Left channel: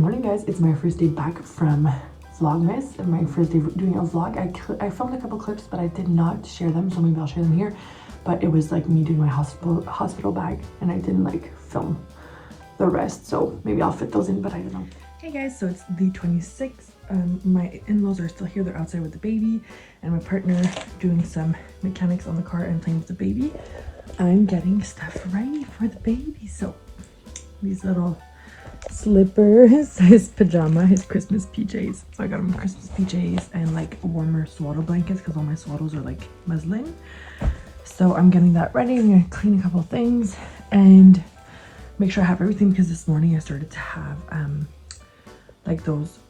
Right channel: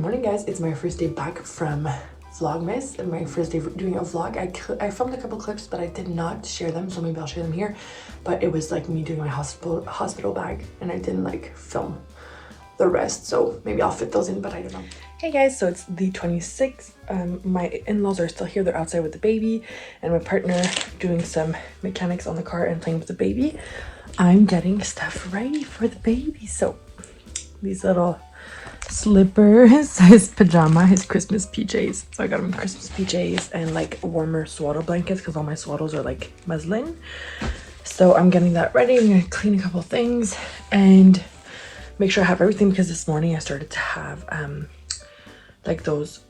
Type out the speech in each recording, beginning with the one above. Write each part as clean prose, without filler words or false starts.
morning, guys. It's my first day back from VLOGMAS and my first day doing a vlog. I filmed a couple clips, but I did not share them, so maybe I'll share them here. But it was like me doing my hospital bag, and I didn't like film the rest, so maybe I'll fit those in, but I don't know. Hey guys, so it's the 26th. My in-laws are still here. They're outside with the baby, and my partner doing some mechanics on the car and playing with the baby. I'm getting stuff ready for the baby. So these little slippers, his pajama, his Christmas PJs. So I got him Christmas PJs and like warmer swaddle blankets because all my swaddles are like muslin. So I'm getting that ready. I'm gonna clean a couple things and make sure I have everything, because this morning I started to have like those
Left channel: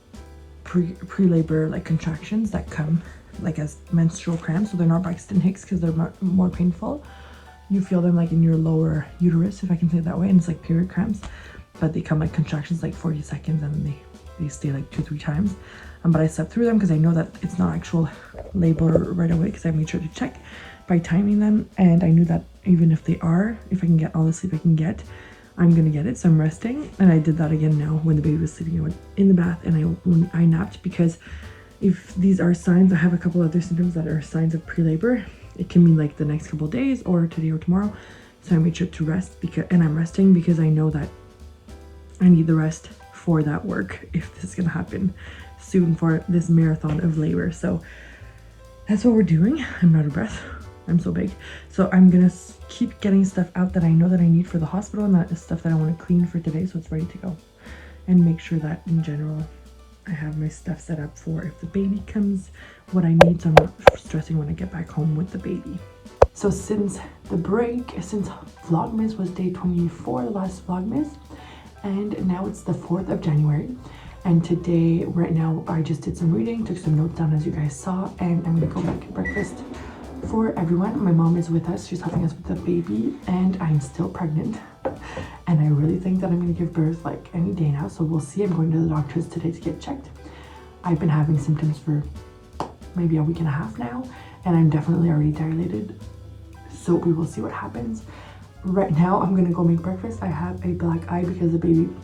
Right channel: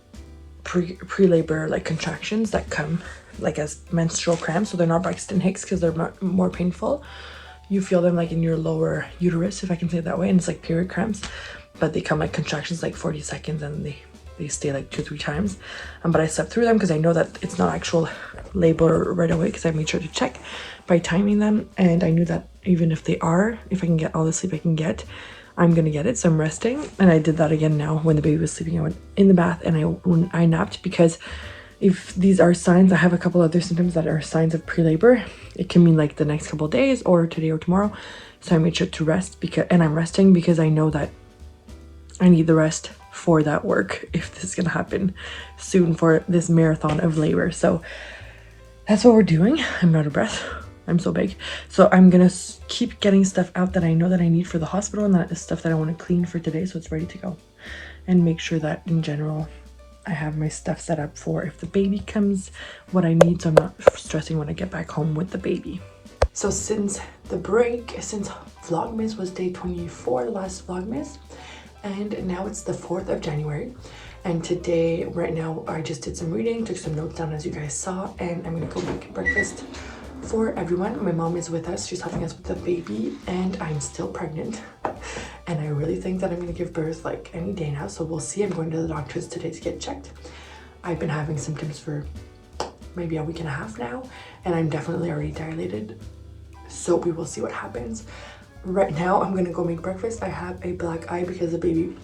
pre-labor like contractions that come like as menstrual cramps. So they're not Braxton Hicks because they're more painful. You feel them like in your lower uterus, if I can say it that way, and it's like period cramps, but they come like contractions like 40 seconds and they stay like 2-3 times. But I slept through them because I know that it's not actual labor right away, because I made sure to check by timing them, and I knew that even if they are, if I can get all the sleep I can get, I'm gonna get it. So I'm resting, and I did that again now when the baby was sleeping. I went in the bath and I napped, because if these are signs, I have a couple other symptoms that are signs of pre-labor. It can mean like the next couple of days or today or tomorrow. So I made sure to rest, and I'm resting because I know that I need the rest for that work if this is gonna happen soon for this marathon of labor. So that's what we're doing. I'm out of breath. I'm so big. So I'm gonna keep getting stuff out that I know that I need for the hospital, and that is stuff that I want to clean for today, so it's ready to go. And make sure that in general I have my stuff set up for if the baby comes, what I need, so I'm not stressing when I get back home with the baby. So since the break, since Vlogmas was day 24, the last Vlogmas, and now it's the 4th of January. And today, right now, I just did some reading, took some notes down as you guys saw, and I'm gonna go make breakfast for everyone. My mom is with us. She's helping us with the baby, and I'm still pregnant. And I really think that I'm gonna give birth like any day now, so we'll see. I'm going to the doctor's today to get checked. I've been having symptoms for maybe a week and a half now, and I'm definitely already dilated. So we will see what happens. Right now, I'm gonna go make breakfast. I have a black eye because the baby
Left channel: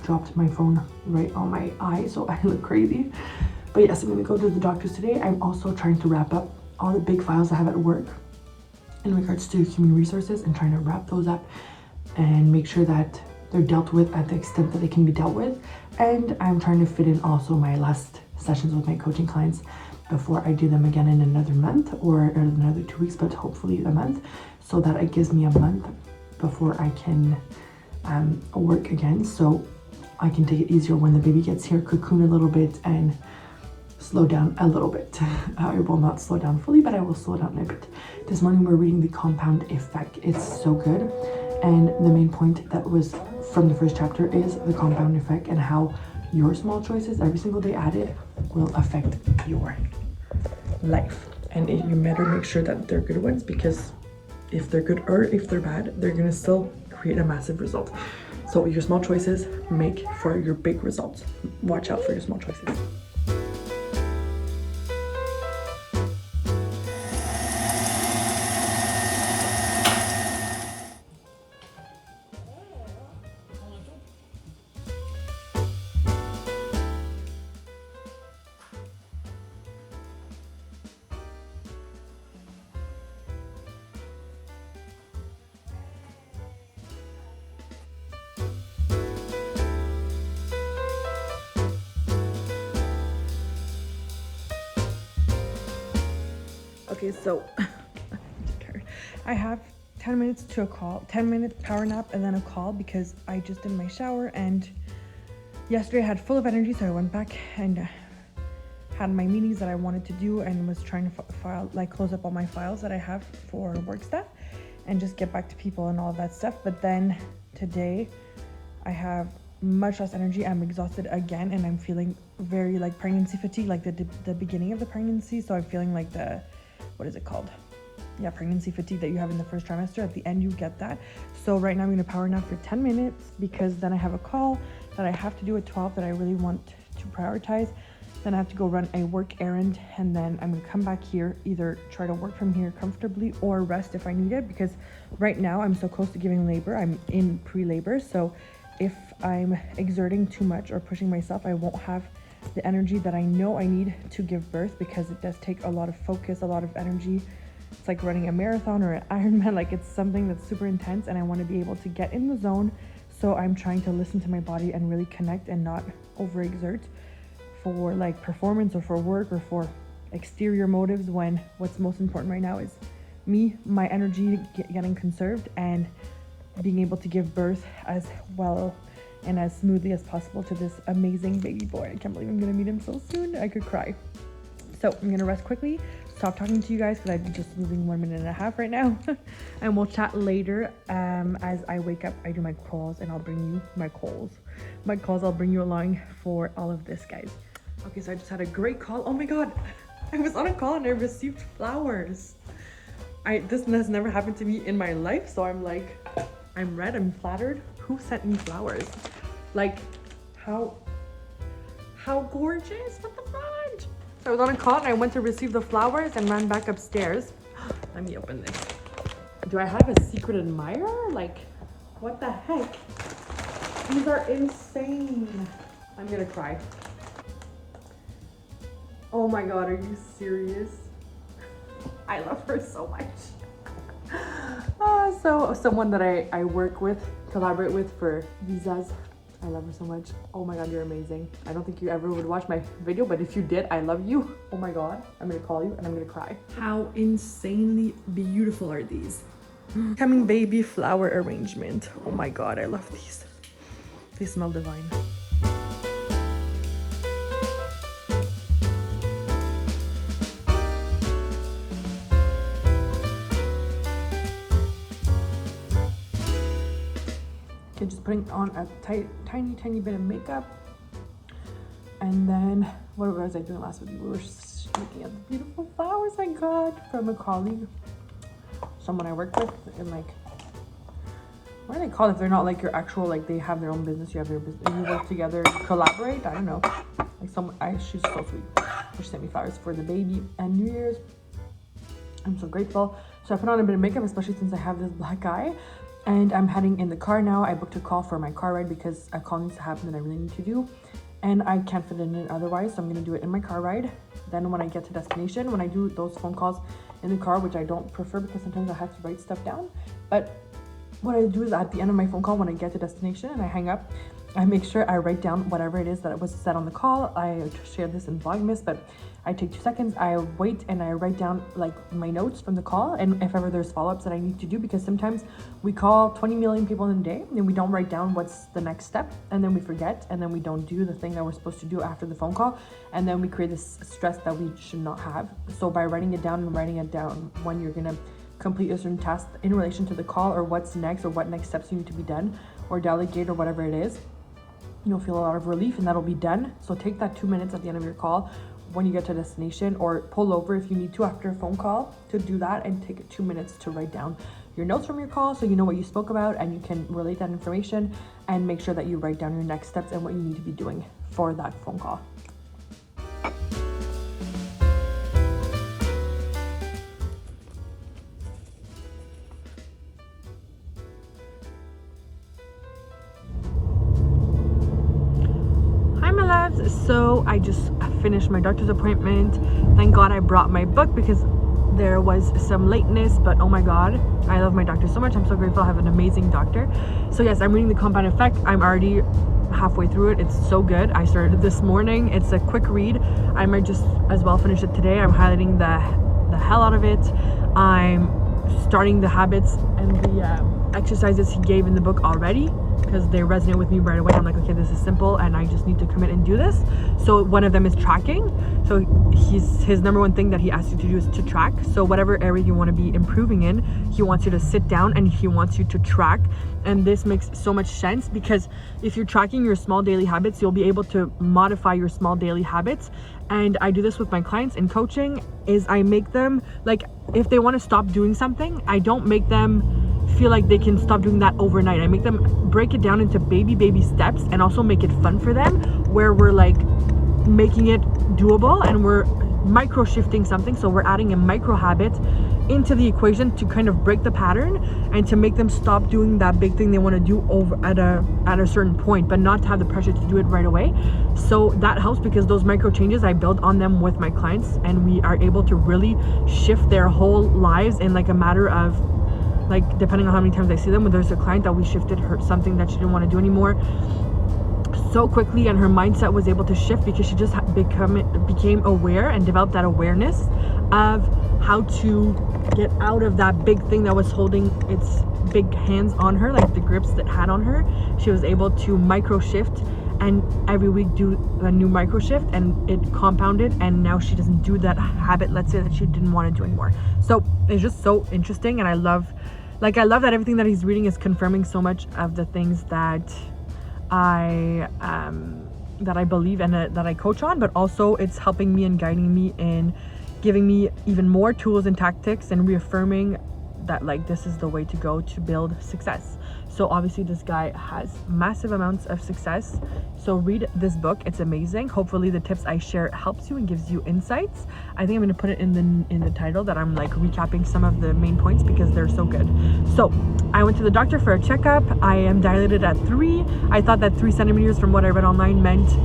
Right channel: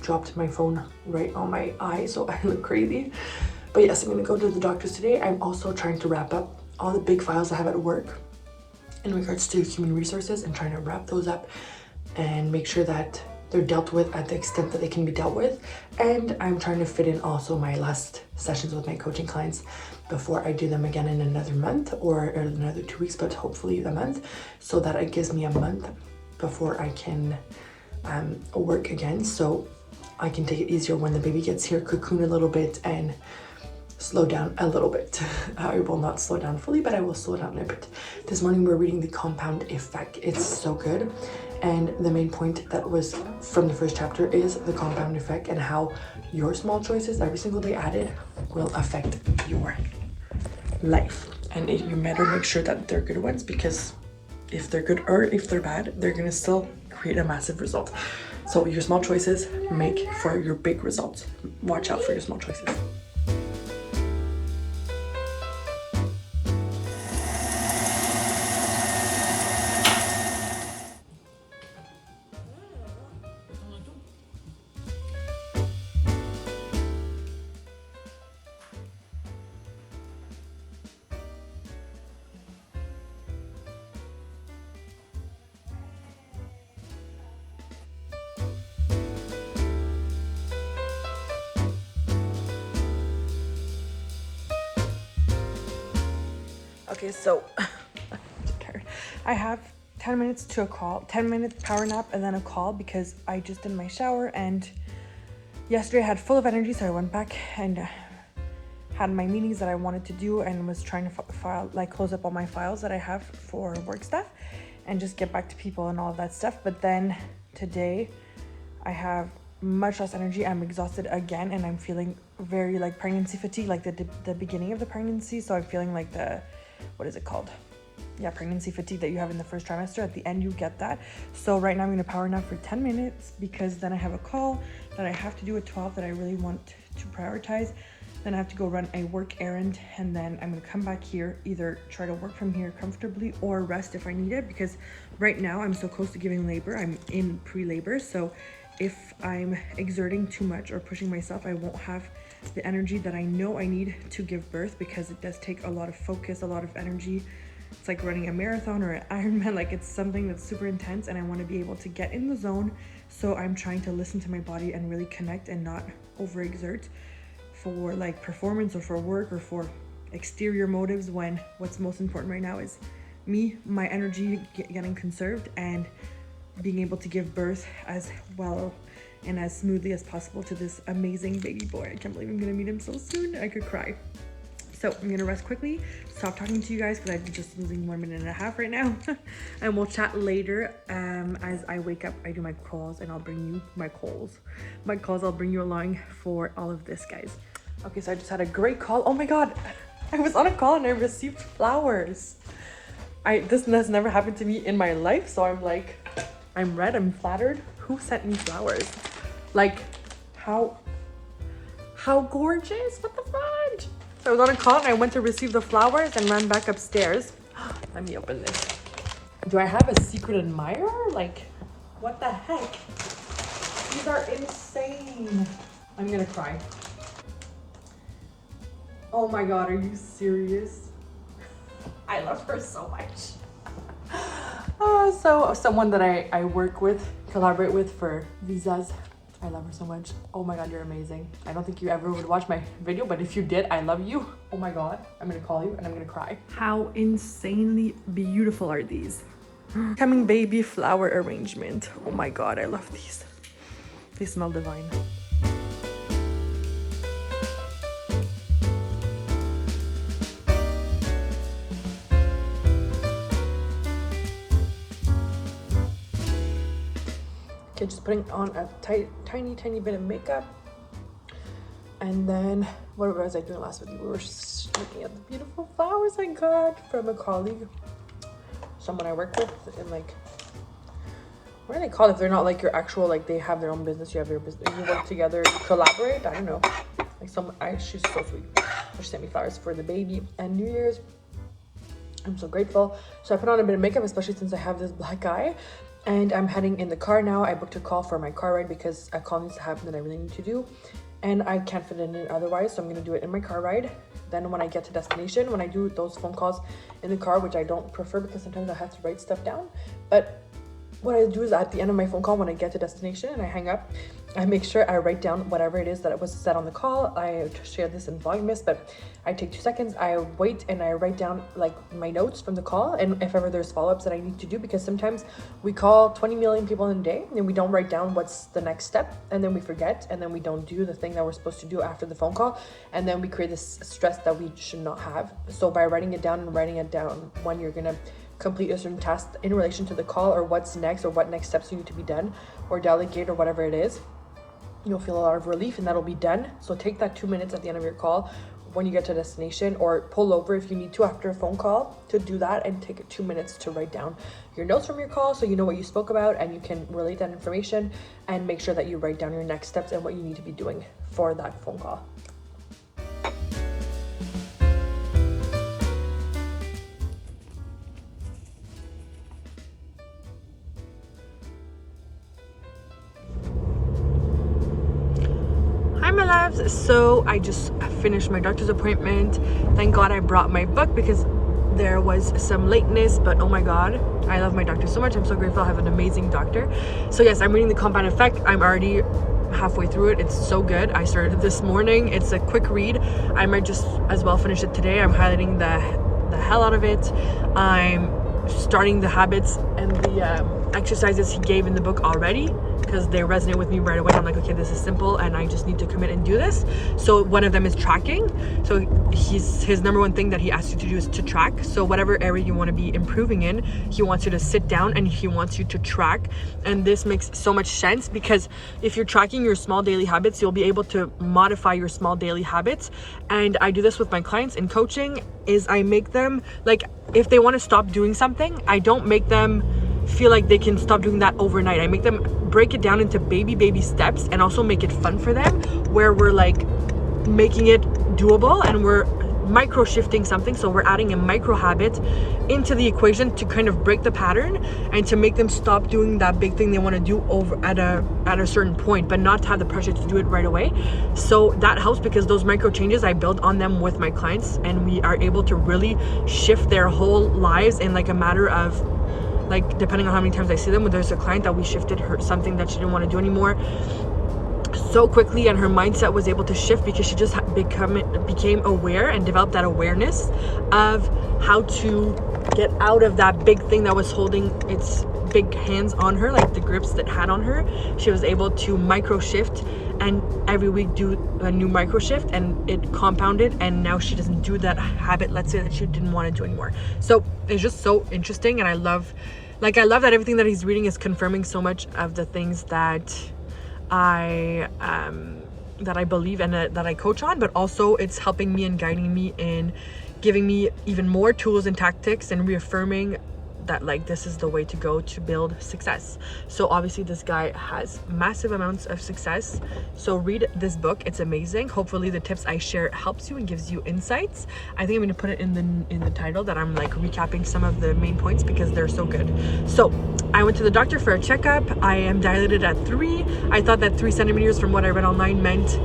dropped my phone right on my eye, so I look crazy. But yes, I'm gonna go to the doctor's today. I'm also trying to wrap up all the big files I have at work in regards to human resources, and trying to wrap those up and make sure that they're dealt with at the extent that they can be dealt with. And I'm trying to fit in also my last sessions with my coaching clients before I do them again in another month or another 2 weeks, but hopefully a month, so that it gives me a month before I can work again, so I can take it easier when the baby gets here, cocoon a little bit, and slow down a little bit. I will not slow down fully, but I will slow down a bit. This morning we're reading The Compound Effect. It's so good, and the main point that was from the first chapter is the compound effect, and how your small choices every single day added will affect your life. And you better make sure that they're good ones, because if they're good or if they're bad, they're gonna still create a massive result. So your small choices make for your big results. Watch out for your small choices. Okay, so I'm so tired. I have 10 minutes to a call, 10 minutes power nap, and then a call, because I just did my shower, and yesterday I had full of energy, so I went back and had my meetings that I wanted to do, and was trying to close up all my files that I have for work stuff and just get back to people and all of that stuff. But then today I have much less energy. I'm exhausted again, and I'm feeling very like pregnancy fatigue, like the beginning of the pregnancy. So I'm feeling like what is it called? Yeah, pregnancy fatigue that you have in the first trimester. At the end, you get that. So right now I'm gonna power nap for 10 minutes, because then I have a call that I have to do at 12 that I really want to prioritize. Then I have to go run a work errand, and then I'm gonna come back here, either try to work from here comfortably or rest if I need it, because right now I'm so close to giving labor. I'm in pre-labor, so if I'm exerting too much or pushing myself, I won't have the energy that I know I need to give birth, because it does take a lot of focus, a lot of energy. It's like running a marathon or an Ironman. Like, it's something that's super intense, and I want to be able to get in the zone. So I'm trying to listen to my body and really connect and not overexert for like performance or for work or for exterior motives, when what's most important right now is me, my energy getting conserved, and being able to give birth as well and as smoothly as possible to this amazing baby boy. I can't believe I'm gonna meet him so soon. I could cry. So I'm gonna rest quickly, stop talking to you guys because I'm just losing 1.5 minutes right now. And we'll chat later. As I wake up, I do my calls, and I'll bring you my calls. I'll bring you along for all of this, guys. Okay, so I just had a great call. Oh my God, I was on a call and I received flowers. This has never happened to me in my life, so I'm like, I'm red, I'm flattered. Who sent me flowers? Like, how gorgeous, what the fudge? So I was on a call and I went to receive the flowers and ran back upstairs. Let me open this. Do I have a secret admirer? Like, what the heck? These are insane. I'm gonna cry. Oh my God, are you serious? I love her so much. So someone that I work with, collaborate with for visas. I love her so much. Oh my God, you're amazing. I don't think you ever would watch my video, but if you did, I love you. Oh my God, I'm gonna call you and I'm gonna cry. How insanely beautiful are these? Coming baby flower arrangement. Oh my God, I love these. They smell divine. Okay, just putting on a tiny bit of makeup. And then, what was I doing last week? We were just looking at the beautiful flowers I got from a colleague, someone I work with, and like, what are they called if they're not like your actual, like they have their own business, you have their business, you work together, collaborate, I don't know. Like she's so sweet. She sent me flowers for the baby and New Year's. I'm so grateful. So I put on a bit of makeup, especially since I have this black eye. And I'm heading in the car now. I booked a call for my car ride because a call needs to happen that I really need to do. And I can't fit in it otherwise, so I'm gonna do it in my car ride. Then when I get to destination, when I do those phone calls in the car, which I don't prefer because sometimes I have to write stuff down. But what I do is at the end of my phone call, when I get to destination and I hang up, I make sure I write down whatever it is that was said on the call. I shared this in VLOGMAS, but I take 2 seconds, I wait, and I write down like my notes from the call, and if ever there's follow-ups that I need to do, because sometimes we call 20 million people in a day and we don't write down what's the next step, and then we forget, and then we don't do the thing that we're supposed to do after the phone call, and then we create this stress that we should not have. So by writing it down when you're gonna complete a certain task in relation to the call, or what's next, or what next steps you need to be done or delegate or whatever it is, you'll feel a lot of relief and that'll be done. So take that 2 minutes at the end of your call when you get to a destination, or pull over if you need to after a phone call to do that, and take 2 minutes to write down your notes from your call so you know what you spoke about and you can relate that information, and make sure that you write down your next steps and what you need to be doing for that phone call. So I just finished my doctor's appointment. Thank God I brought my book because there was some lateness, but oh my God, I love my doctor so much. I'm so grateful I have an amazing doctor. So yes, I'm reading The Compound Effect. I'm already halfway through it. It's so good. I started this morning. It's a quick read. I might just as well finish it today. I'm highlighting the hell out of it. I'm starting the habits and the exercises he gave in the book already, because they resonate with me right away. I'm like, okay, this is simple and I just need to commit and do this. So one of them is tracking. So his number one thing that he asks you to do is to track. So whatever area you want to be improving in, he wants you to sit down and he wants you to track. And this makes so much sense, because if you're tracking your small daily habits, you'll be able to modify your small daily habits. And I do this with my clients in coaching, is I make them, like, if they want to stop doing something, I don't make them feel like they can stop doing that overnight. I make them break it down into baby steps, and also make it fun for them, where we're like making it doable and we're micro shifting something. So we're adding a micro habit into the equation to kind of break the pattern and to make them stop doing that big thing they want to do over at a certain point, but not to have the pressure to do it right away. So that helps because those micro changes, I build on them with my clients, and we are able to really shift their whole lives in like a matter of, like, depending on how many times I see them. When there's a client that we shifted her something that she didn't want to do anymore so quickly, and her mindset was able to shift because she just became aware and developed that awareness of how to get out of that big thing that was holding its big hands on her, like the grips that had on her. She was able to micro shift, and every week do a new micro shift, and it compounded, and now she doesn't do that habit, let's say, that she didn't want to do anymore. So it's just so interesting, and I love that everything that he's reading is confirming so much of the things that I believe and that I coach on, but also it's helping me and guiding me in giving me even more tools and tactics and reaffirming that, like, this is the way to go to build success. So obviously this guy has massive amounts of success. So read this book, it's amazing. Hopefully the tips I share helps you and gives you insights. I think I'm gonna put it in the title that I'm like recapping some of the main points because they're so good. So I went to the doctor for a checkup. I am dilated at 3. I thought that 3 centimeters from what I read online meant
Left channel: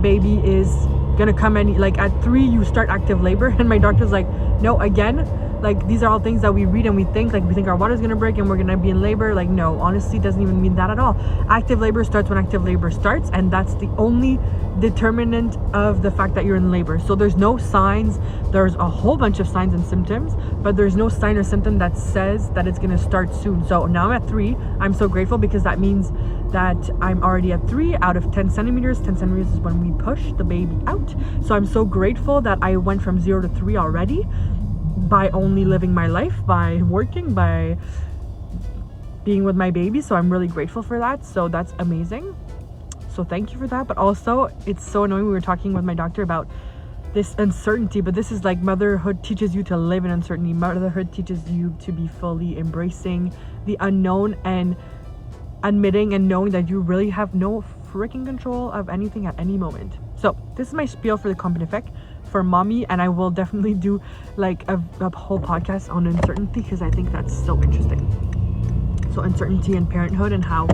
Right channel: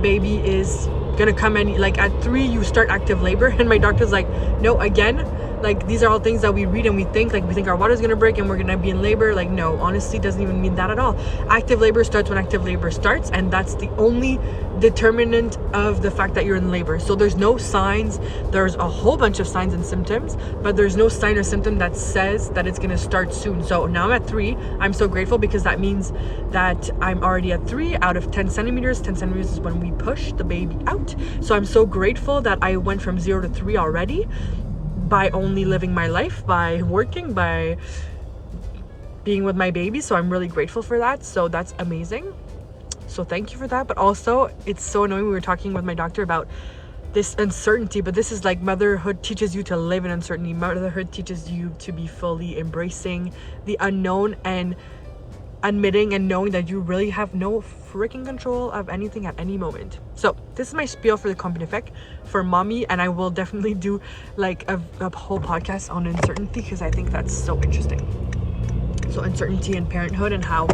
baby is gonna come in, like at 3 you start active labor, and my doctor's like, no, again, like these are all things that we read and we think our water's gonna break and we're gonna be in labor. Like, no, honestly, doesn't even mean that at all. Active labor starts when active labor starts, and that's the only determinant of the fact that you're in labor. So there's no signs. There's a whole bunch of signs and symptoms, but there's no sign or symptom that says that it's gonna start soon. So now I'm at 3. I'm so grateful because that means that I'm already at 3 out of 10 centimeters. 10 centimeters is when we push the baby out. So I'm so grateful that I went from 0 to 3 already, by only living my life, by working, by being with my baby. So I'm really grateful for that. So that's amazing. So thank you for that. But also, it's so annoying. We were talking with my doctor about this uncertainty, but this is like motherhood teaches you to live in uncertainty. Motherhood teaches you to be fully embracing the unknown and admitting and knowing that you really have no freaking control of anything at any moment. So this is my spiel for the company effect for mommy, and I will definitely do like a whole podcast on uncertainty because I think that's so interesting. So uncertainty in parenthood and how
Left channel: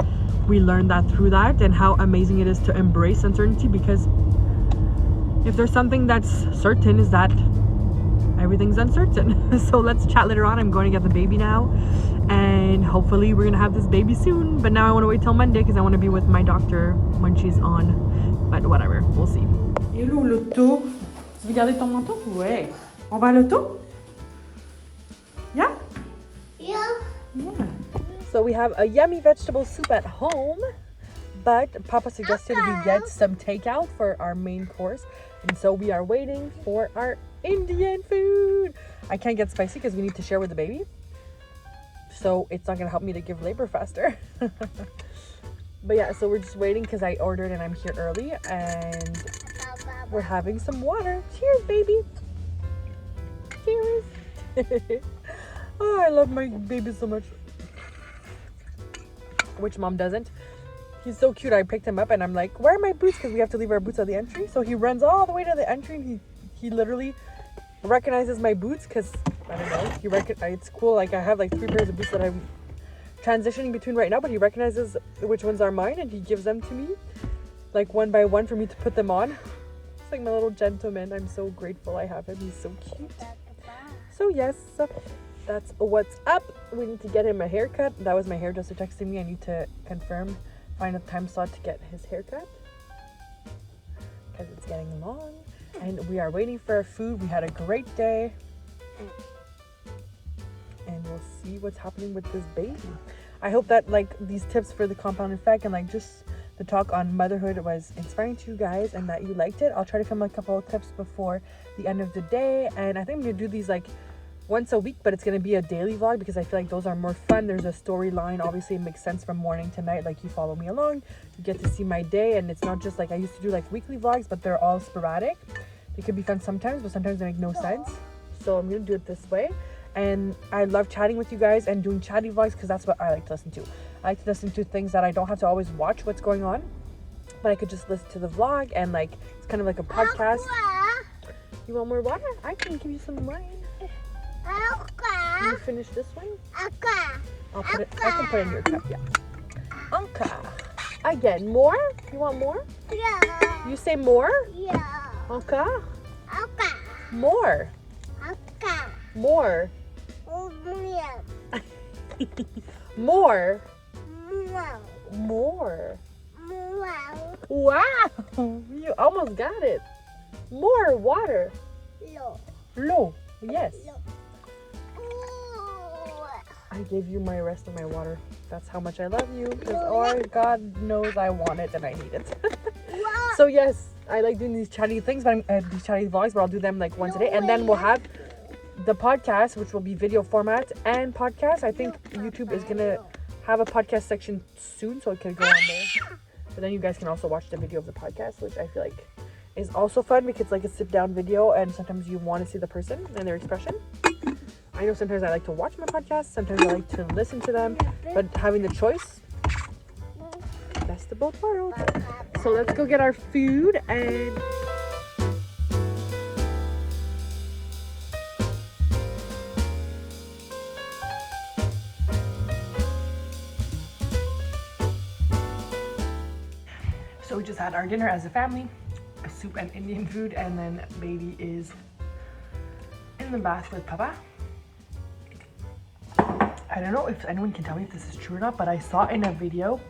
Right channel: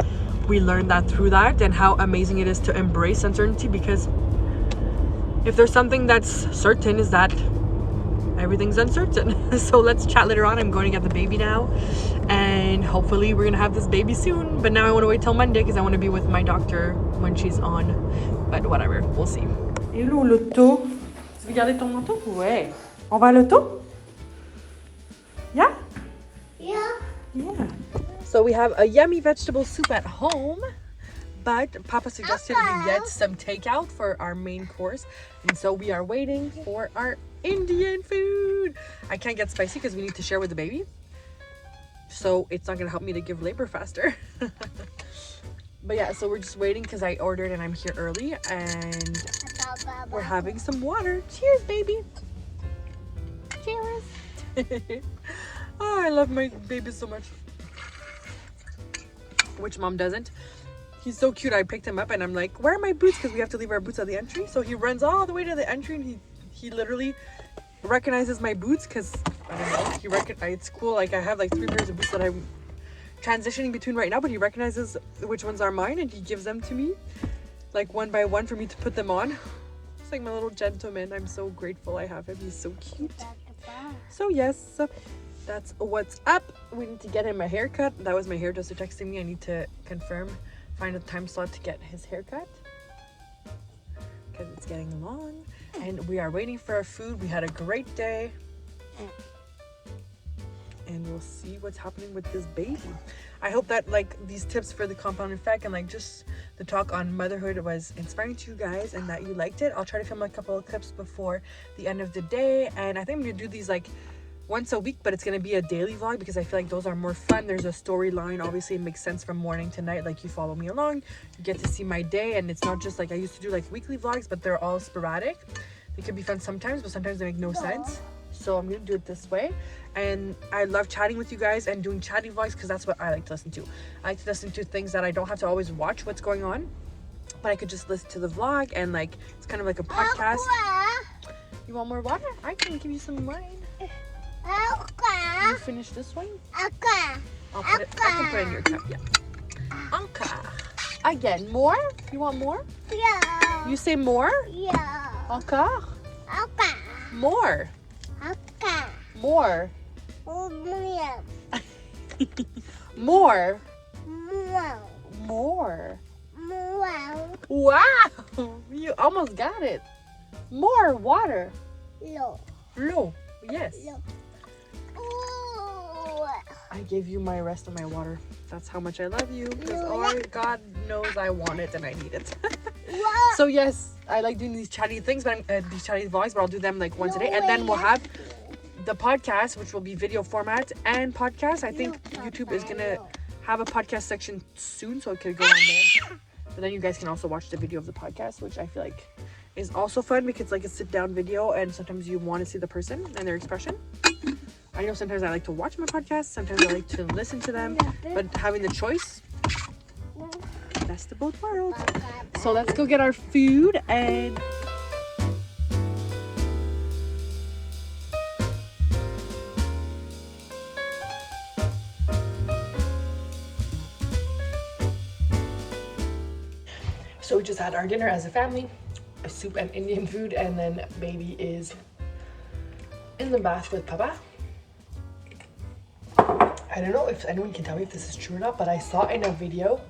we learn that through that, and how amazing it is to embrace uncertainty, because if there's something that's certain is that everything's uncertain. So let's chat later on. I'm going to get the baby now, and hopefully we're gonna have this baby soon, but now I want to wait till Monday because I want to be with my doctor when she's on, but whatever, we'll see. Hello l'auto, tu veux garder ton manteau? Ouais. On va à l'auto? Yeah? Yeah. Yeah. So we have a yummy vegetable soup at home, but Papa suggested we get some takeout for our main course, and so we are waiting for our Indian food. I can't get spicy because we need to share with the baby, so it's not gonna help me to give labor faster. But yeah, so we're just waiting because I ordered and I'm here early, and we're having some water. Cheers, baby. Cheers. Oh, I love my baby so much. Which mom doesn't? He's so cute. I picked him up and I'm like, where are my boots? Because we have to leave our boots at the entry. So he runs all the way to the entry, and he literally recognizes my boots because, I don't know, it's cool. Like, I have like 3 pairs of boots that I'm transitioning between right now, but he recognizes which ones are mine and he gives them to me, like one by one, for me to put them on. It's like my little gentleman. I'm so grateful I have him. He's so cute. So yes, that's what's up. We need to get him a haircut. That was my hairdresser texting me. I need to find a time slot to get his haircut because it's getting long, and we are waiting for our food. We had a great day, and we'll see what's happening with this baby. I hope that like these tips for the compound effect and like just the talk on motherhood was inspiring to you guys and that you liked it. I'll try to film a couple of clips before the end of the day, and I think I'm gonna do these like once a week, but it's gonna be a daily vlog because I feel like those are more fun. There's a storyline. Obviously it makes sense from morning to night. Like, you follow me along, you get to see my day, and it's not just like I used to do like weekly vlogs, but they're all sporadic. They could be fun sometimes, but sometimes they make no sense. So I'm gonna do it this way. And I love chatting with you guys and doing chatty vlogs because that's what I like to listen to. I like to listen to things that I don't have to always watch what's going on, but I could just listen to the vlog, and like it's kind of like a podcast. You want more water? I can give you some wine. You finish this one? I'll put it. I can put it in your cup. Yeah. Anka. Again, more? You want more? Yeah. You say more? Yeah. Anka. Okay. More. Okay. More. More. More. More. More. More. Wow. You almost got it. More water. No. No. Yes. No. I gave you my rest of my water. That's how much I love you. Because oh, God knows I want it and I need it. So yes, I like doing these chatty things, but these chatty vlogs, but I'll do them like once a day, and then we'll have the podcast, which will be video format and podcast. I think YouTube is gonna have a podcast section soon, so it could go on there. But then you guys can also watch the video of the podcast, which I feel like is also fun because it's like a sit-down video, and sometimes you want to see the person and their expression. I know sometimes I like to watch my podcast, sometimes I like to listen to them, but having the choice, best of both worlds. So let's go get our food and so we just had our dinner as a family, a soup and Indian food, and then baby is in the bath with Papa. I don't know if anyone can tell me if this is true or not, but I saw in a video,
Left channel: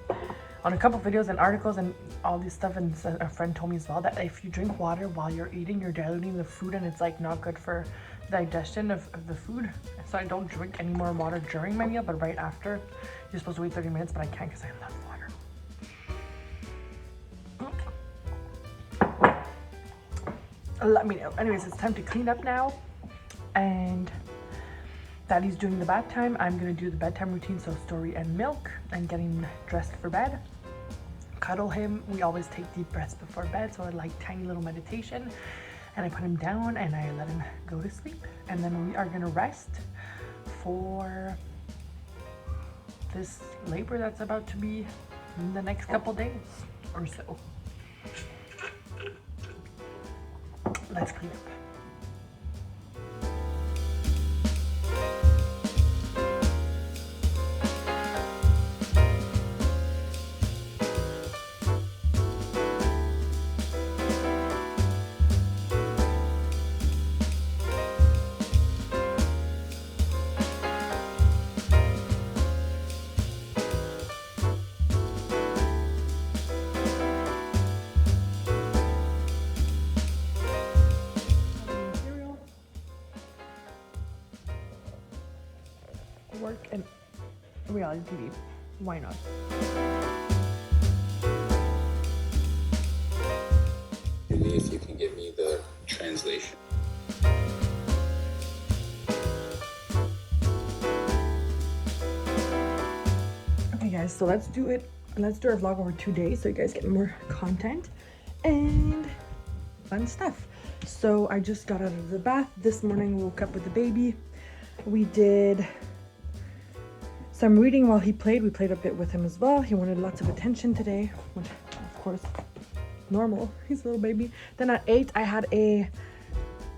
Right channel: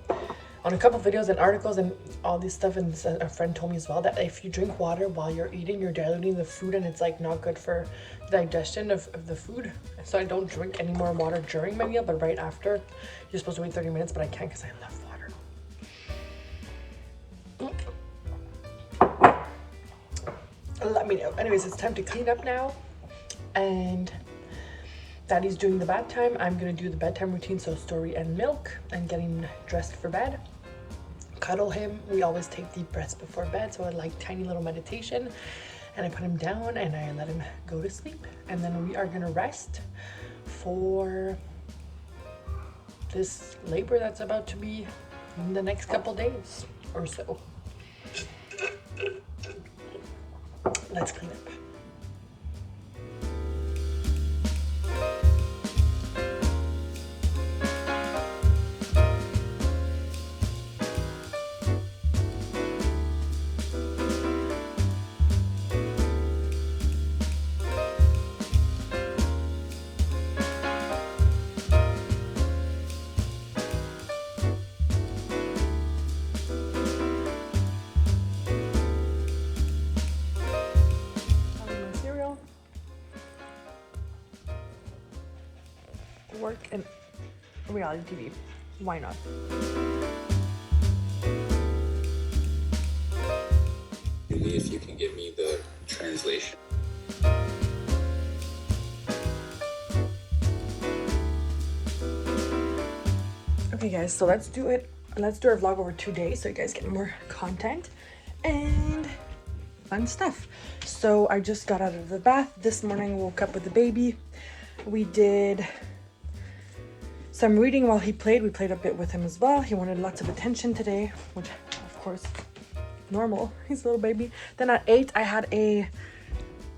on a couple videos and articles and all this stuff, and a friend told me as well, that if you drink water while you're eating, you're diluting the food, and it's like not good for the digestion of the food. So I don't drink any more water during my meal, but right after. You're supposed to wait 30 minutes, but I can't because I love water. Let me know. Anyways, it's time to clean up now, and Daddy's doing the bath time. I'm gonna do the bedtime routine, so story and milk, and getting dressed for bed. Cuddle him. We always take deep breaths before bed, so I like tiny little meditation, and I put him down and I let him go to sleep, and then we are gonna rest for this labor that's about to be in the next couple days or so. Let's clean up. Work and reality TV. Why not? If you can give me the translation. Okay guys, so let's do it. Let's do our vlog over 2 days so you guys get more content and fun stuff. So I just got out of the bath this morning, woke up with the baby. We did some reading while he played. We played a bit with him as well. He wanted lots of attention today, which of course, normal. He's a little baby. Then at 8, I had a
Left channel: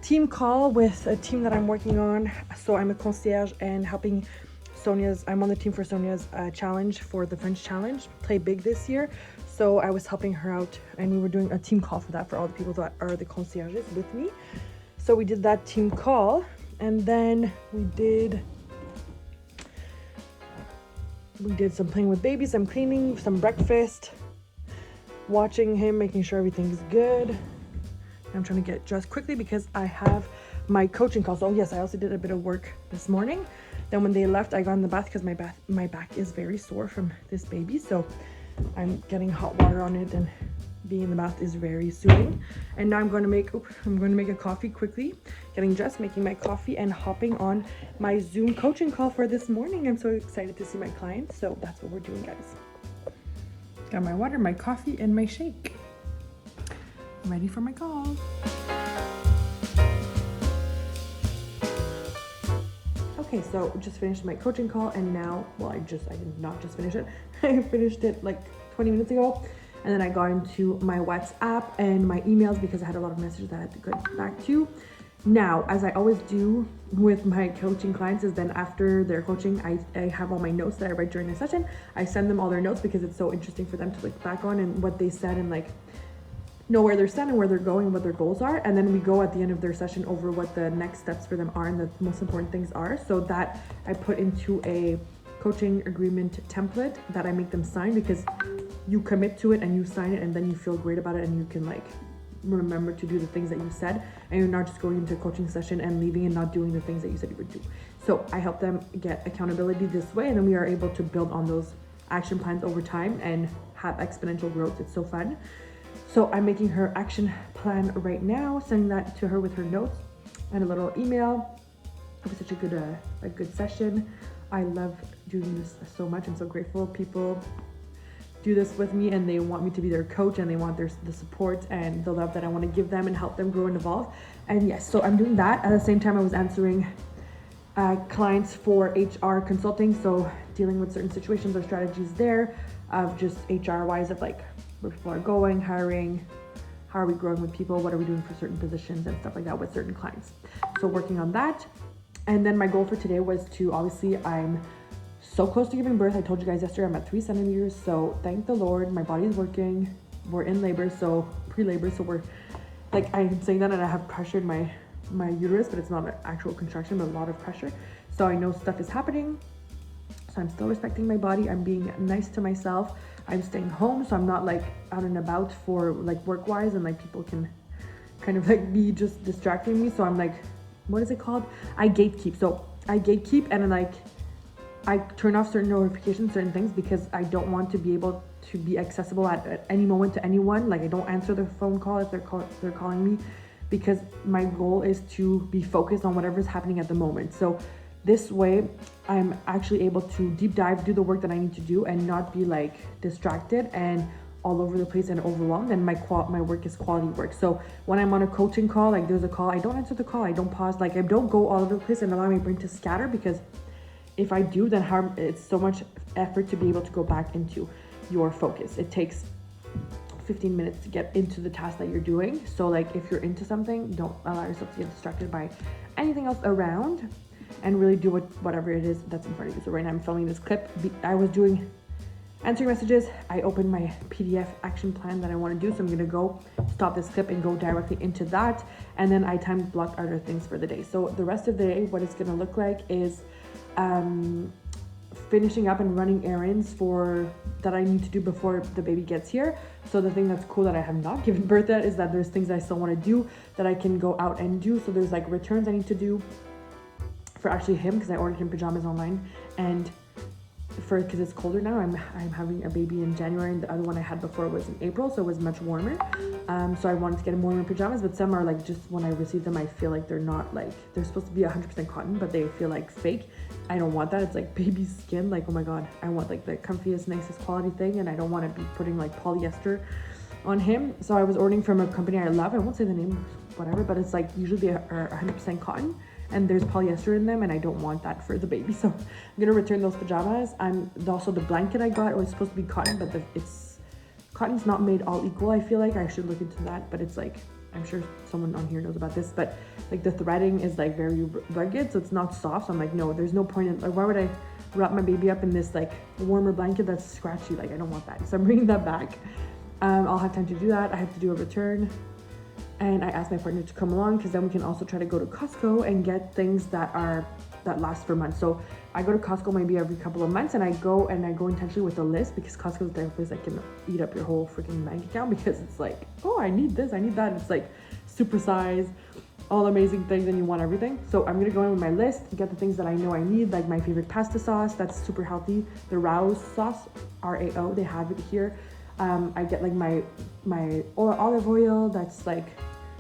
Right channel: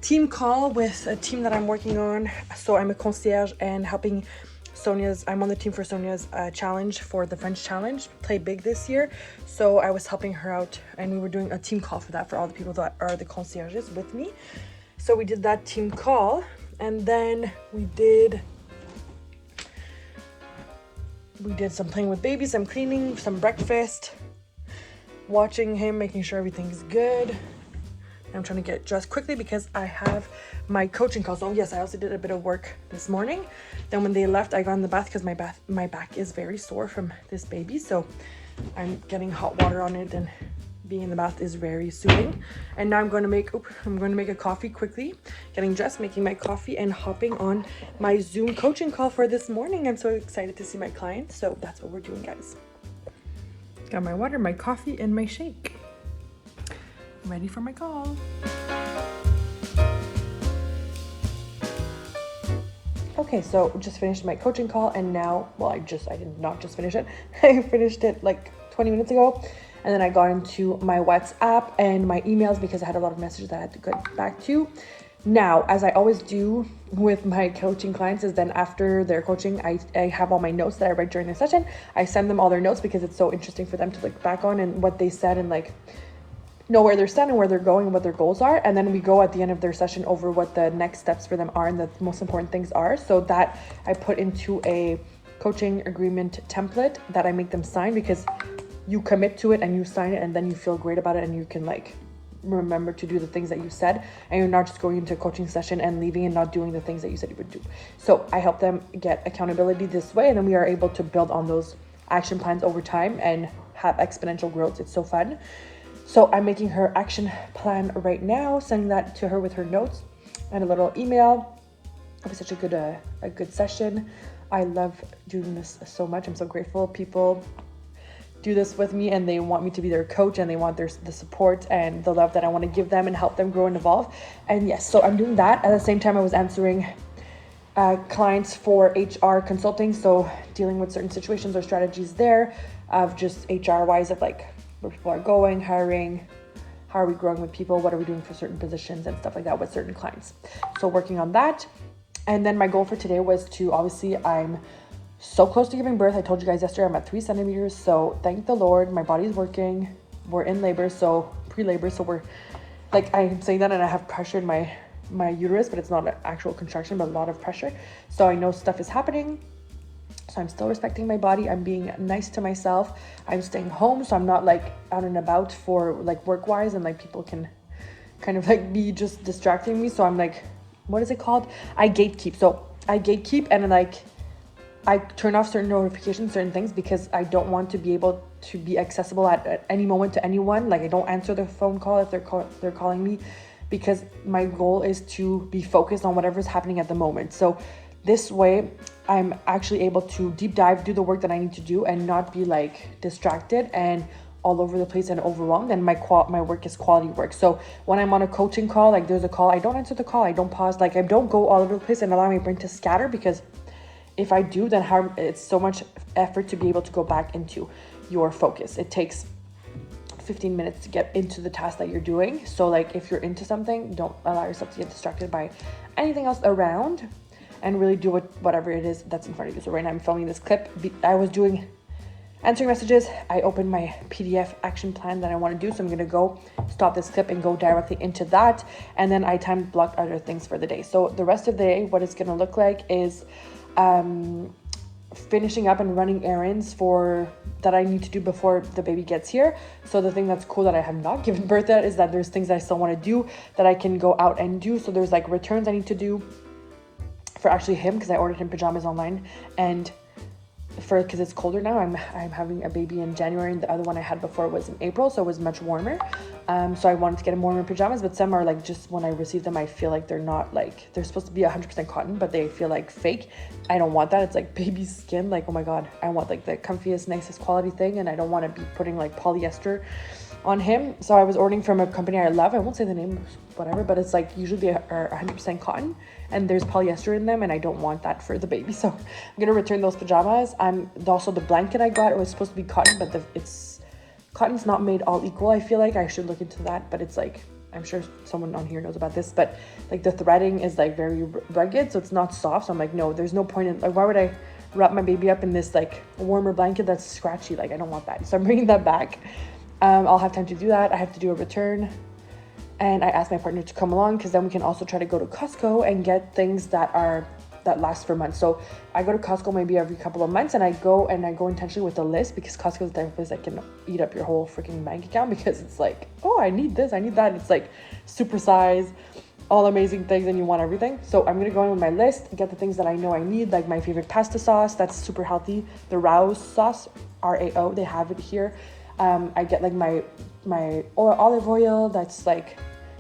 team call with a team that I'm working on. So I'm a concierge and helping Sonia's, I'm on the team for Sonia's challenge for the French challenge, Play Big this year. So I was helping her out, and we were doing a team call for that for all the people that are the concierges with me. So we did that team call, and then we did some playing with baby, some cleaning, some breakfast, watching him, making sure everything's good. I'm trying to get dressed quickly because I have my coaching call. So yes, I also did a bit of work this morning. Then when they left, I got in the bath because my back is very sore from this baby. So I'm getting hot water on it, and being in the bath is very soothing. And now I'm going to make a coffee quickly, getting dressed, making my coffee, and hopping on my Zoom coaching call for this morning. I'm so excited to see my client. So that's what we're doing, guys. Got my water, my coffee, and my shake. Ready for my call. Okay, so just finished my coaching call, and now, well, I did not just finish it. I finished it like 20 minutes ago, And then I got into my WhatsApp and my emails because I had a lot of messages that I had to get back to. Now, as I always do with my coaching clients, is then after their coaching, I have all my notes that I write during the session. I send them all their notes because it's so interesting for them to look back on and what they said and like know where they're standing, where they're going, and what their goals are. And then we go at the end of their session over what the next steps for them are and the most important things are. So that I put into a coaching agreement template that I make them sign, because you commit to it and you sign it and then you feel great about it and you can like remember to do the things that you said, and you're not just going into a coaching session and leaving and not doing the things that you said you would do. So I help them get accountability this way, and then we are able to build on those action plans over time and have exponential growth. It's so fun. So I'm making her action plan right now, sending that to her with her notes and a little email. It was such a good session. I love doing this so much. I'm so grateful people do this with me and they want me to be their coach, and they want the support and the love that I want to give them and help them grow and evolve. And yes, so I'm doing that. At the same time, I was answering clients for HR consulting, so dealing with certain situations or strategies there of just HR wise, of like where people are going, hiring, how are we growing with people, what are we doing for certain positions and stuff like that with certain clients. So working on that. And then my goal for today was to, obviously I'm so close to giving birth. I told you guys yesterday I'm at 3 centimeters. So thank the Lord, my body's working. We're in labor, so pre-labor. So we're like, I'm saying that and I have pressure in my uterus, but it's not an actual contraction, but a lot of pressure. So I know stuff is happening. So I'm still respecting my body. I'm being nice to myself. I'm staying home. So I'm not like out and about for like work wise, and like people can kind of like be just distracting me. So I'm like, what is it called? I gatekeep. So I gatekeep, and then like I turn off certain notifications, certain things, because I don't want to be able to be accessible at any moment to anyone. Like I don't answer the phone call if they're calling me, because my goal is to be focused on whatever's happening at the moment. So this way I'm actually able to deep dive, do the work that I need to do, and not be like distracted and all over the place and overwhelmed. And my work is quality work. So when I'm on a coaching call, like there's a call, I don't answer the call, I don't pause, like I don't go all over the place and allow my brain to scatter, because if I do, then it's so much effort to be able to go back into your focus. It takes 15 minutes to get into the task that you're doing. So like if you're into something, don't allow yourself to get distracted by anything else around, and really do whatever it is that's in front of you. So right now I'm filming this clip. I was answering messages. I opened my PDF action plan that I want to do. So I'm going to go stop this clip and go directly into that. And then I time blocked other things for the day. So the rest of the day, what it's going to look like is finishing up and running errands that I need to do before the baby gets here. So the thing that's cool that I have not given birth yet is that there's things that I still want to do that I can go out and do. So there's like returns I need to do for actually him, because I ordered him pajamas online, and because it's colder now, I'm having a baby in January, and the other one I had before was in April, so it was much warmer. So I wanted to get him warmer pajamas, but some are like, just when I receive them, I feel like they're not like, they're supposed to be 100% cotton, but they feel like fake. I don't want that. It's like baby skin. Like, oh my God, I want like the comfiest, nicest quality thing, and I don't want to be putting like polyester on him. So I was ordering from a company I love. I won't say the name, whatever, but it's like usually they are 100% cotton, and there's polyester in them, and I don't want that for the baby. So I'm gonna return those pajamas. Also the blanket I got, it was supposed to be cotton, but cotton's not made all equal. I feel like I should look into that, but it's like, I'm sure someone on here knows about this, but like the threading is like very rugged, so it's not soft. So I'm like, no, there's no point in, like, why would I wrap my baby up in this like warmer blanket that's scratchy? Like, I don't want that. So I'm bringing that back. I'll have time to do that. I have to do a return. And I asked my partner to come along, because then we can also try to go to Costco and get things that last for months. So I go to Costco maybe every couple of months, and I go intentionally with a list, because Costco is the type of place that can eat up your whole freaking bank account, because it's like, oh, I need this, I need that. It's like super size, all amazing things, and you want everything. So I'm gonna go in with my list, get the things that I know I need, like my favorite pasta sauce that's super healthy, the Rao's sauce, RAO, they have it here. I get like my olive oil that's like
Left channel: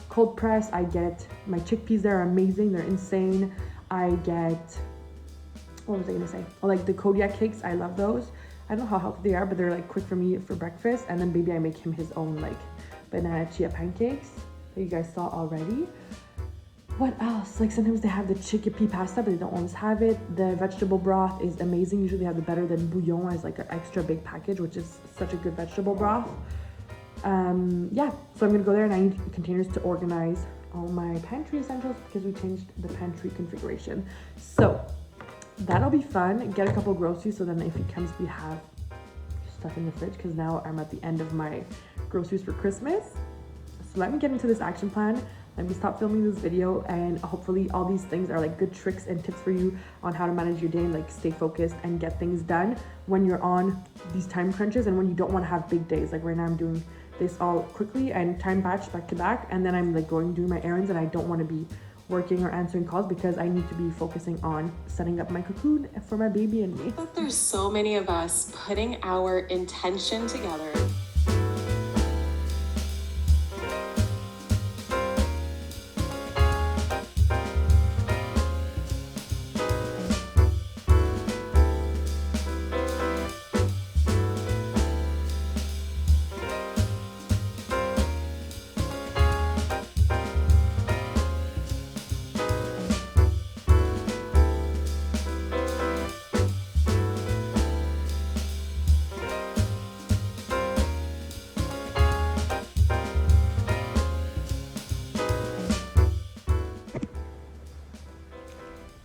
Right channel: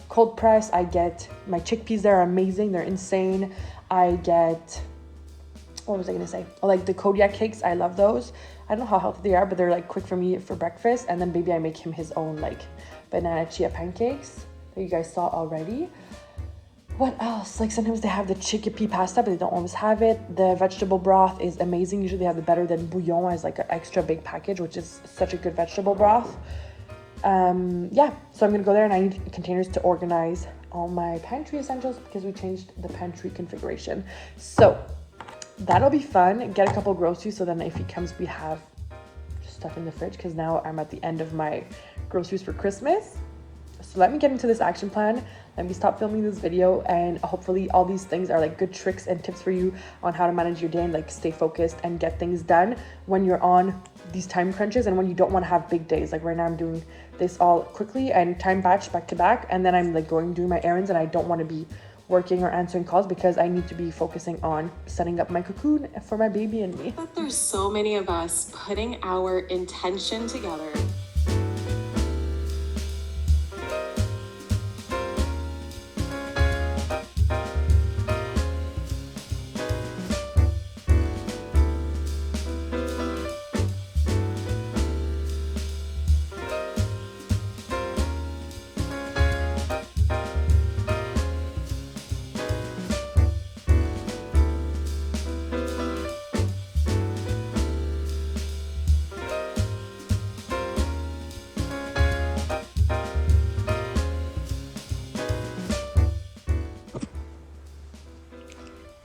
cold press. I get my chickpeas, they're amazing, they're insane. I get, what was I gonna say? Oh, like the Kodiak cakes, I love those. I don't know how healthy they are, but they're like quick for me for breakfast. And then baby, I make him his own like banana chia pancakes that you guys saw already. What else? Like sometimes they have the chickpea pasta, but they don't always have it. The vegetable broth is amazing. Usually they have the Better Than Bouillon as like an extra big package, which is such a good vegetable broth. Yeah, so I'm gonna go there, and I need containers to organize all my pantry essentials because we changed the pantry configuration. So that'll be fun. Get a couple groceries so then if he comes we have stuff in the fridge, because now I'm at the end of my groceries for Christmas. So let me get into this action plan. Let me stop filming this video, and hopefully all these things are like good tricks and tips for you on how to manage your day and like stay focused and get things done when you're on these time crunches and when you don't want to have big days. Like right now I'm doing this all quickly and time batched back to back, and then I'm like doing my errands, and I don't want to be working or answering calls because I need to be focusing on setting up my cocoon for my baby and me. But there's so many of us putting our intention together.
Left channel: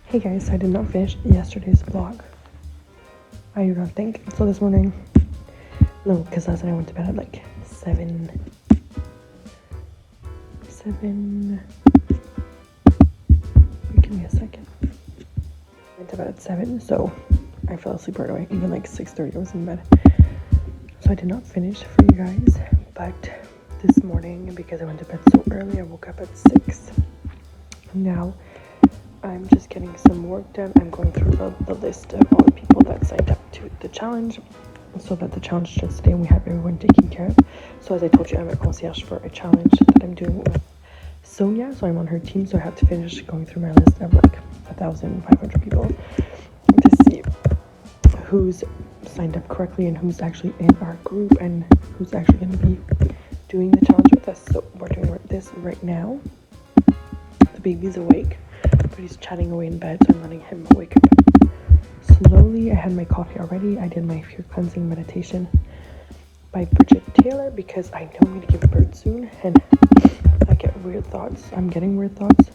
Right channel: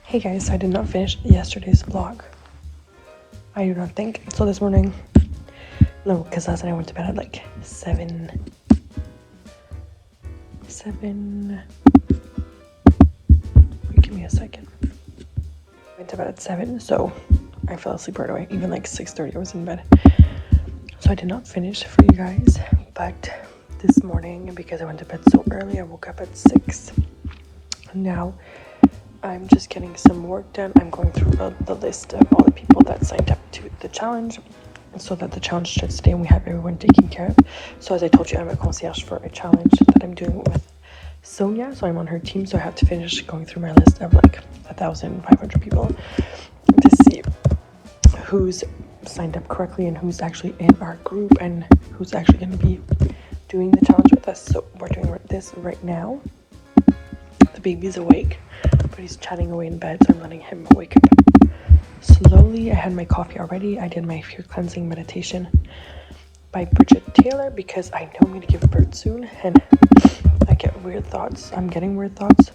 Hey guys, so I did not finish yesterday's vlog. I do not think. So this morning, no, because last night I went to bed at like 7. Give me a second. I went to bed at 7, so I fell asleep right away. Even like 6:30 I was in bed. So I did not finish for you guys, but this morning, because I went to bed so early, I woke up at 6. Now I'm just getting some work done. I'm going through the list of all the people that signed up to the challenge so that the challenge starts today and we have everyone taken care of. So as I told you, I'm a concierge for a challenge that I'm doing with Sonia, so I'm on her team, so I have to finish going through my list of like 1,500 people to see who's signed up correctly and who's actually in our group and who's actually going to be doing the challenge with us. So we're doing this right now. The baby's awake, but he's chatting away in bed, so I'm letting him wake up slowly. I had my coffee already. I did my fear cleansing meditation by Bridget Taylor because I know I'm going to give birth soon and I get weird thoughts. I'm getting weird thoughts,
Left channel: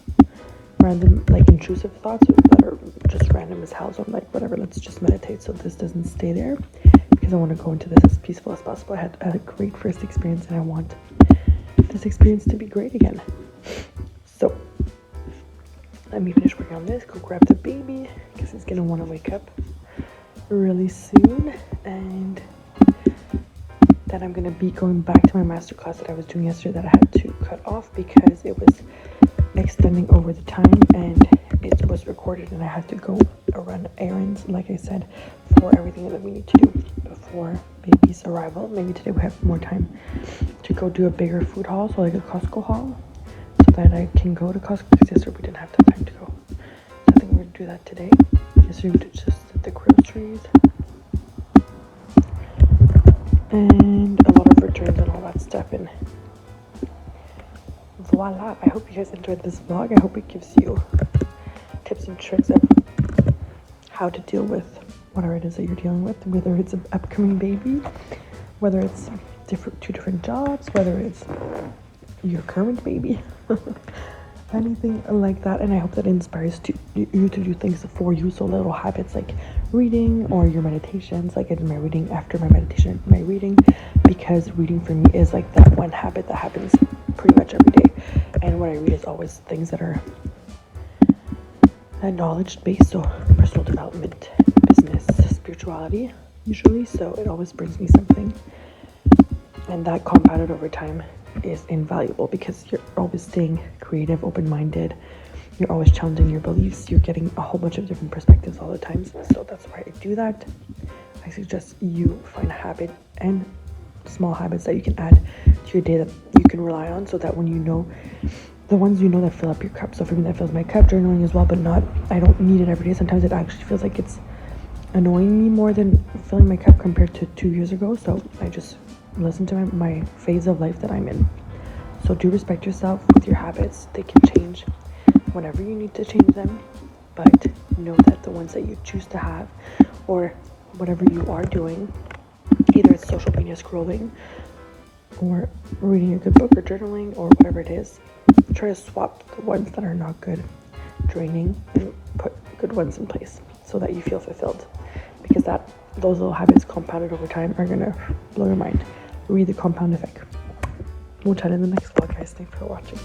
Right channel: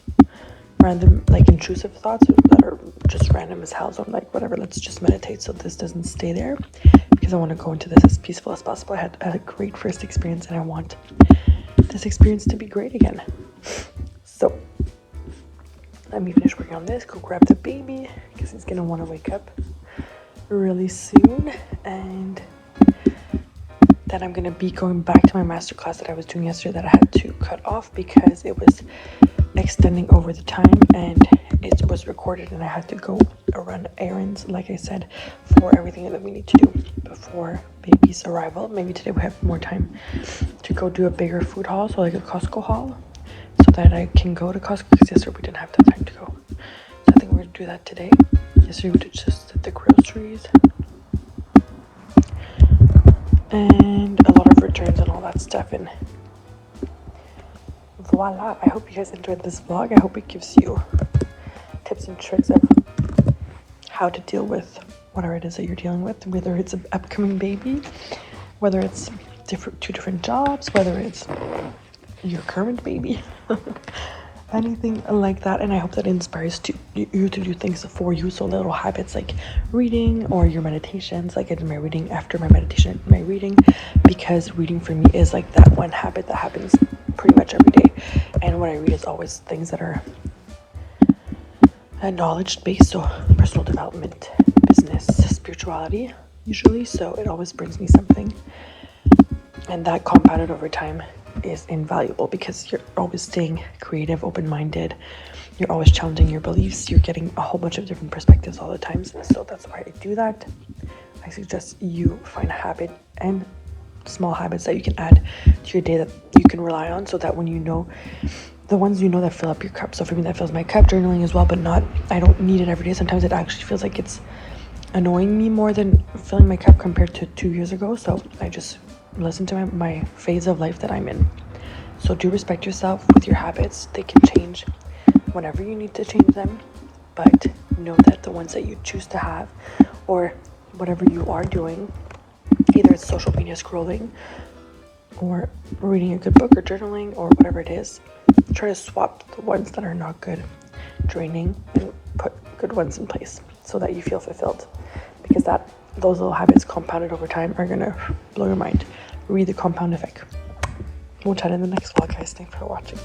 random, like intrusive thoughts that are just random as hell. So I'm like, whatever, let's just meditate so this doesn't stay there, because I want to go into this as peaceful as possible. I had a great first experience and I want this experience to be great again. So let me finish working on this, go grab the baby because he's gonna want to wake up really soon, and then I'm gonna be going back to my masterclass that I was doing yesterday that I had to cut off because it was extending over the time and it was recorded and I had to go run errands, like I said, for everything that we need to do before baby's arrival. Maybe today we have more time to go do a bigger food haul, so like a Costco haul, so that I can go to Costco, because yesterday we didn't have that time to go. So I think we're gonna do that today. Yesterday we just did the groceries and a lot of returns and all that stuff, and voila. I hope you guys enjoyed this vlog. I hope it gives you tips and tricks of how to deal with whatever it is that you're dealing with, whether it's an upcoming baby, whether it's two different jobs, whether it's your current baby, anything like that. And I hope that inspires you to do things for you. So little habits like reading or your meditations, like I did my reading after my meditation, my reading, because reading for me is like that one habit that happens pretty much every day. And what I read is always things that are knowledge based, so personal development, business, spirituality usually. So it always brings me something, and that compounded over time is invaluable because you're always staying creative, open-minded, you're always challenging your beliefs, you're getting a whole bunch of different perspectives all the time. So that's why I do that. I suggest you find a habit and small habits that you can add to your day that you can rely on, so that when you know the ones you know that fill up your cup. So for me, that fills my cup. Journaling as well, but I don't need it every day. Sometimes it actually feels like it's annoying me more than filling my cup compared to 2 years ago. So I just listen to my phase of life that I'm in. So do respect yourself with your habits. They can change whenever you need to change them, but know that the ones that you choose to have, or whatever you are doing, either it's social media scrolling or reading a good book or journaling or whatever it is, try to swap the ones that are not good, draining, and put good ones in place so that you feel fulfilled, because those little habits compounded over time are gonna blow your mind. Read The Compound Effect. We'll chat in the next vlog, guys. Thanks for watching.